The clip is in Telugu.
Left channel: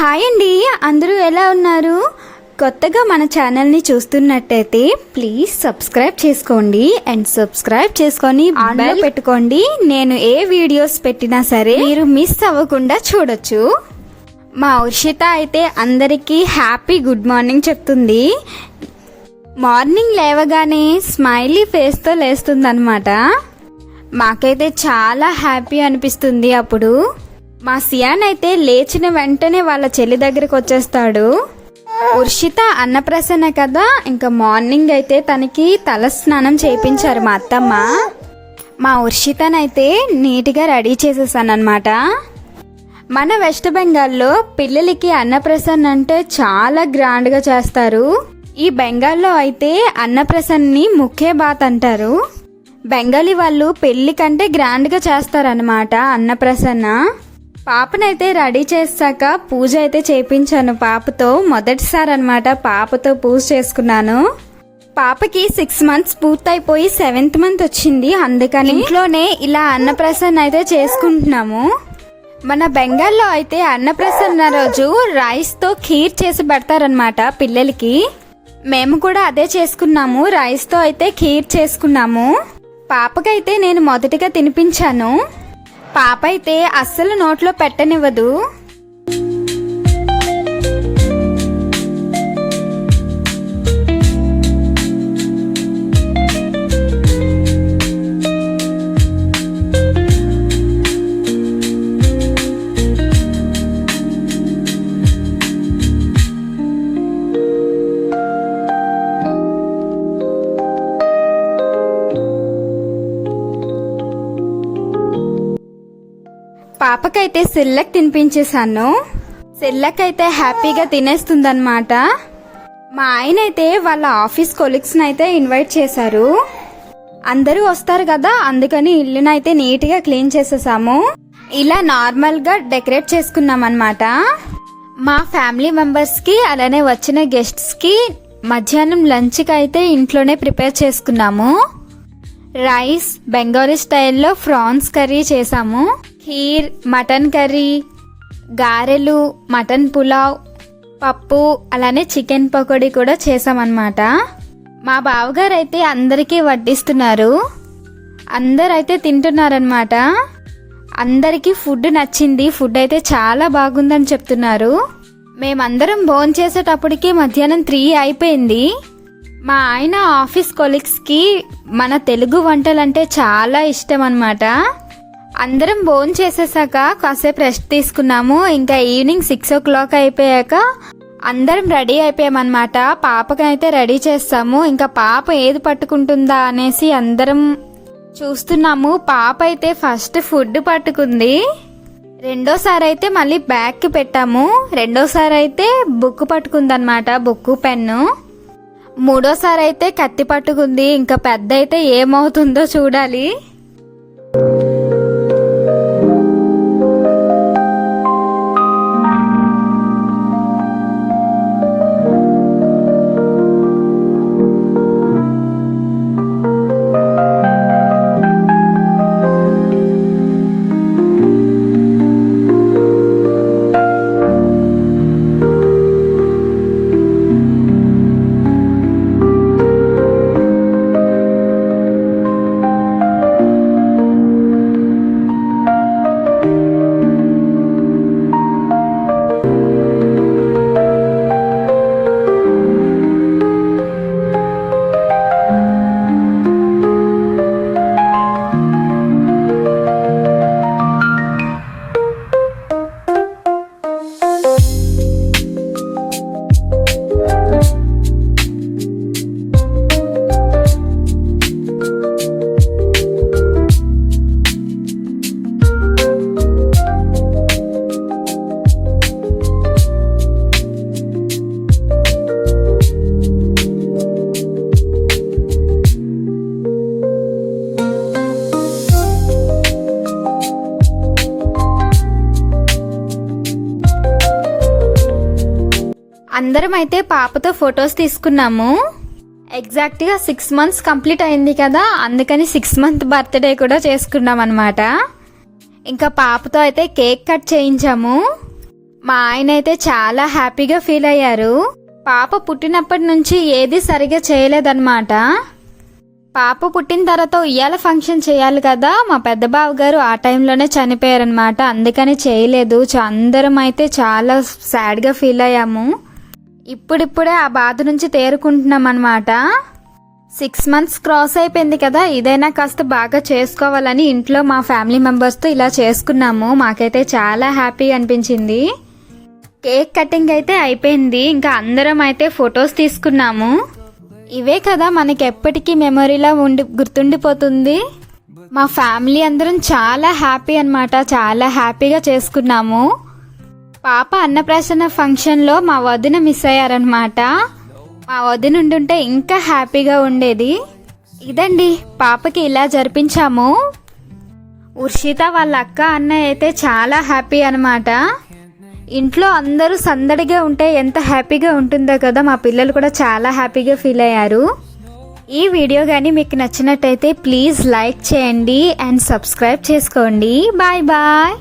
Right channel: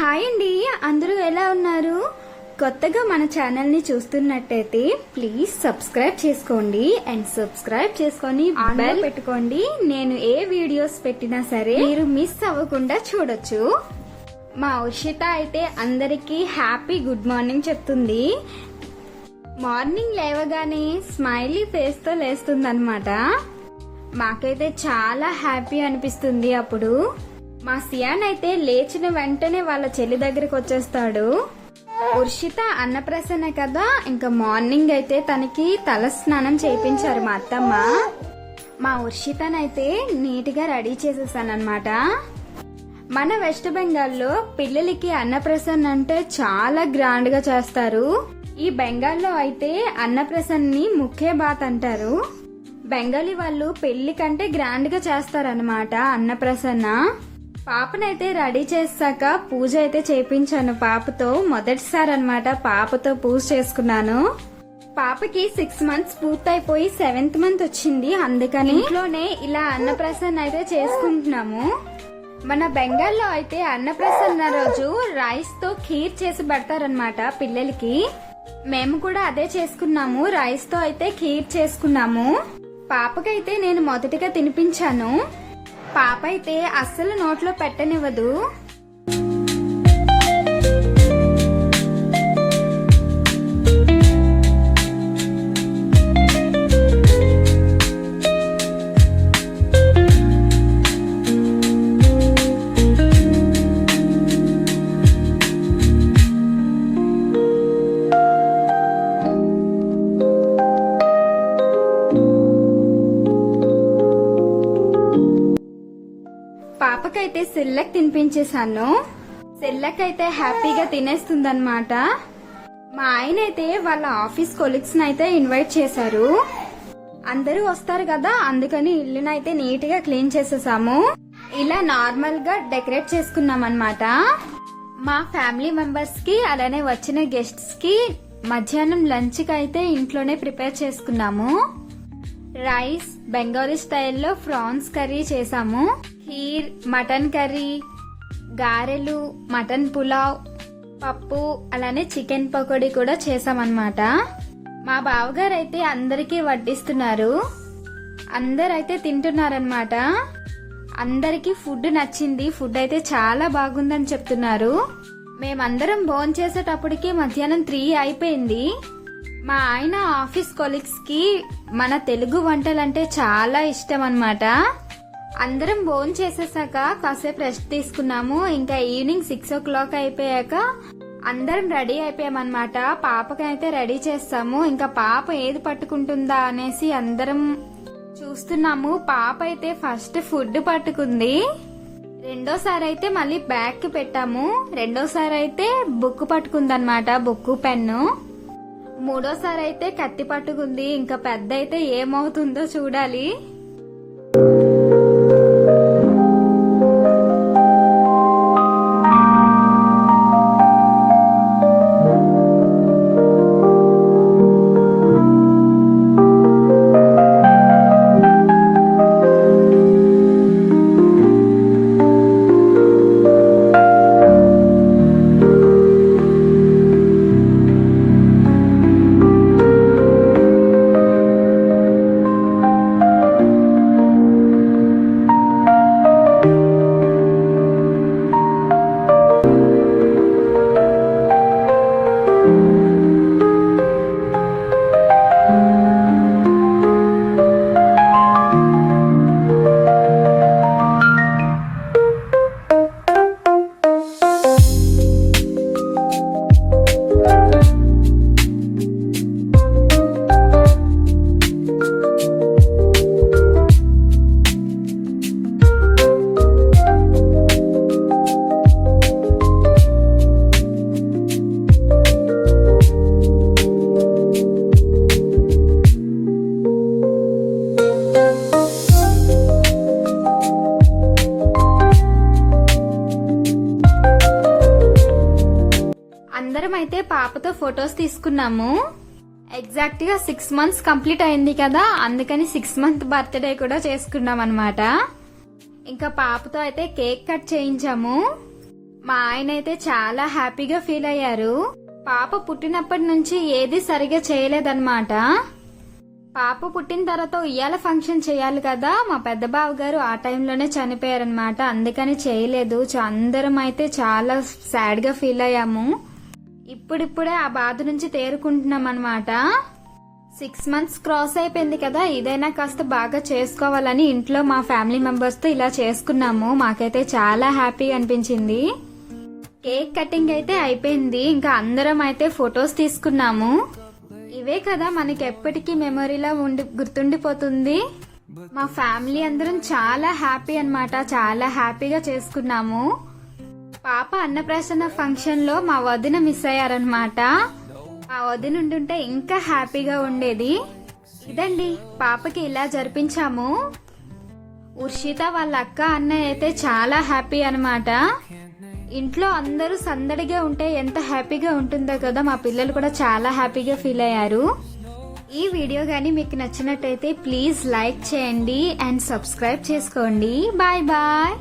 హాయ్ అండి, అందరూ ఎలా ఉన్నారు? కొత్తగా మన ఛానల్ని చూస్తున్నట్టయితే ప్లీజ్ సబ్స్క్రైబ్ చేసుకోండి అండ్ సబ్స్క్రైబ్ చేసుకొని ఆన్లో పెట్టుకోండి. నేను ఏ వీడియోస్ పెట్టినా సరే మీరు మిస్ అవ్వకుండా చూడొచ్చు. మా ఉర్షిత అయితే అందరికీ హ్యాపీ గుడ్ మార్నింగ్ చెప్తుంది. మార్నింగ్ లేవగానే స్మైలీ ఫేస్తో లేస్తుందన్నమాట. మాకైతే చాలా హ్యాపీ అనిపిస్తుంది. అప్పుడు మా సియాన్ అయితే లేచిన వెంటనే వాళ్ళ చెల్లి దగ్గరికి వచ్చేస్తాడు. ఉర్షిత అన్నప్రసన్న కదా, ఇంకా మార్నింగ్ అయితే తనకి తల స్నానం చేయించారు మా అత్తమ్మ. మా ఉర్షితనైతే నీట్గా రెడీ చేసేసాను అనమాట. మన వెస్ట్ బెంగాల్లో పిల్లలకి అన్నప్రసన్న అంటే చాలా గ్రాండ్గా చేస్తారు. ఈ బెంగాల్లో అయితే అన్నప్రసన్ని ముఖ్య బాత్ అంటారు. బెంగాలీ వాళ్ళు పెళ్లి కంటే గ్రాండ్గా చేస్తారనమాట అన్నప్రసన్న. పాపనైతే రెడీ చేశాక పూజ అయితే చేయించాను పాపతో. మొదటిసారి అనమాట పాపతో పూజ చేసుకున్నాను. పాపకి 6 months పూర్తయిపోయి 7th month వచ్చింది. అందుకని ఇంట్లోనే ఇలా అన్నప్రసన్న అయితే చేసుకుంటున్నాము. మన బెంగాల్లో అయితే అన్నప్రసన్న రోజు రైస్తో ఖీర్ చేసి పెడతారనమాట పిల్లలకి. మేము కూడా అదే చేసుకున్నాము. రైస్తో అయితే ఖీర్ చేసుకున్నాము. పాపకైతే నేను మొదటిగా తినిపించాను. పాప అయితే అస్సలు నోట్లో పెట్టనివ్వదు. పాపకైతే సిల్లక్ తినిపించేశాను. సిల్లక్ అయితే హ్యాపీగా తినేస్తుందన్నమాట. మా ఆయన అయితే వాళ్ళ ఆఫీస్ కొలీగ్స్ని అయితే ఇన్వైట్ చేశారు. అందరూ వస్తారు కదా, అందుకని ఇల్లునైతే నీట్గా క్లీన్ చేసేసాము. ఇలా నార్మల్గా డెకరేట్ చేసుకున్నాం అన్నమాట. మా ఫ్యామిలీ మెంబర్స్కి అలానే వచ్చిన గెస్ట్స్కి మధ్యాహ్నం లంచ్కి అయితే ఇంట్లోనే ప్రిపేర్ చేసుకున్నాము. రైస్, బెంగాలీ స్టైల్లో ఫ్రాన్స్ కర్రీ చేసాము. ఖీర్, మటన్ కర్రీ, గారెలు, మటన్ పులావ్, పప్పు, అలానే చికెన్ పకోడీ కూడా చేసామన్నమాట. మా బావగారు అయితే అందరికీ వడ్డిస్తున్నారు. అందరైతే తింటున్నారనమాట. అందరికీ ఫుడ్ నచ్చింది. ఫుడ్ అయితే చాలా బాగుందని చెప్తున్నారు. మేమందరం భోంచేసేటప్పటికి మధ్యాహ్నం 3 అయిపోయింది. మా ఆయన ఆఫీస్ కొలీగ్స్కి మన తెలుగు వంటలంటే చాలా ఇష్టం అన్నమాట. అందరం భోజనం చేసేసాక కాసేపు రెస్ట్ తీసుకున్నాము. ఇంకా ఈవినింగ్ 6 o'clock అయిపోయాక అందరం రెడీ అయిపోయామన్నమాట. పాపకైతే రెడీ చేస్తాము. ఇంకా పాప ఏది పట్టుకుంటుందా అనేసి అందరం చూస్తున్నాము. పాప అయితే ఫస్ట్ ఫుడ్ పట్టుకుంది. రెండోసారి అయితే మళ్ళీ బ్యాగ్కి పెట్టాము. రెండోసారి అయితే బుక్ పట్టుకుందన్నమాట, బుక్, పెన్ను. మూడోసారి అయితే కత్తి పట్టుకుంది. ఇంకా పెద్ద అయితే ఏమవుతుందో చూడాలి. అందరం అయితే పాపతో ఫొటోస్ తీసుకున్నాము. ఎగ్జాక్ట్గా 6 months కంప్లీట్ అయింది కదా, అందుకని 6th month బర్త్డే కూడా చేసుకున్నాం అనమాట. ఇంకా పాపతో అయితే కేక్ కట్ చేయించాము. మా ఆయన అయితే చాలా హ్యాపీగా ఫీల్ అయ్యారు. పాప పుట్టినప్పటి నుంచి ఏది సరిగా చేయలేదన్నమాట. పాప పుట్టిన తర్వాత ఉయ్యాల ఫంక్షన్ చేయాలి కదా, మా పెద్ద బావ గారు ఆ టైంలోనే చనిపోయారనమాట. అందుకని చేయలేదు. అందరం అయితే చాలా సాడ్గా ఫీల్ అయ్యాము. ఇప్పుడిప్పుడే ఆ బాధ నుంచి తేరుకుంటున్నాం అనమాట. 6 months క్రాస్ అయిపోయింది కదా, ఇదైనా కాస్త బాగా చేసుకోవాలని ఇంట్లో మా ఫ్యామిలీ మెంబర్స్తో ఇలా చేసుకున్నాము. మాకైతే చాలా హ్యాపీ అనిపించింది. కేక్ కటింగ్ అయితే అయిపోయింది. ఇంకా అందరం అయితే ఫొటోస్ తీసుకున్నాము. ఇవే కదా మనకి ఎప్పటికీ మెమొరీలా గుర్తుండిపోతుంది. మా ఫ్యామిలీ అందరం చాలా హ్యాపీ అన్నమాట. చాలా హ్యాపీగా చేసుకున్నాము. పాప అన్నప్రాసన ఫంక్షన్లో మా వదిన మిస్ అయ్యారనమాట. మా వదిన ఉండుంటే ఇంకా హ్యాపీగా ఉండేది. ఇదండి పాపకి ఇలా జరిపించాము. ఉర్షిత వాళ్ళ అక్క అన్నయ్య అయితే చాలా హ్యాపీ అనమాట. ఇంట్లో అందరూ సందడిగా ఉంటే ఎంత హ్యాపీగా ఉంటుందో కదా, మా పిల్లలు కూడా చాలా హ్యాపీగా ఫీల్ అయ్యారు. ఈ వీడియో కానీ మీకు నచ్చినట్టయితే ప్లీజ్ లైక్ చేయండి అండ్ సబ్స్క్రైబ్ చేసుకోండి. Bye bye.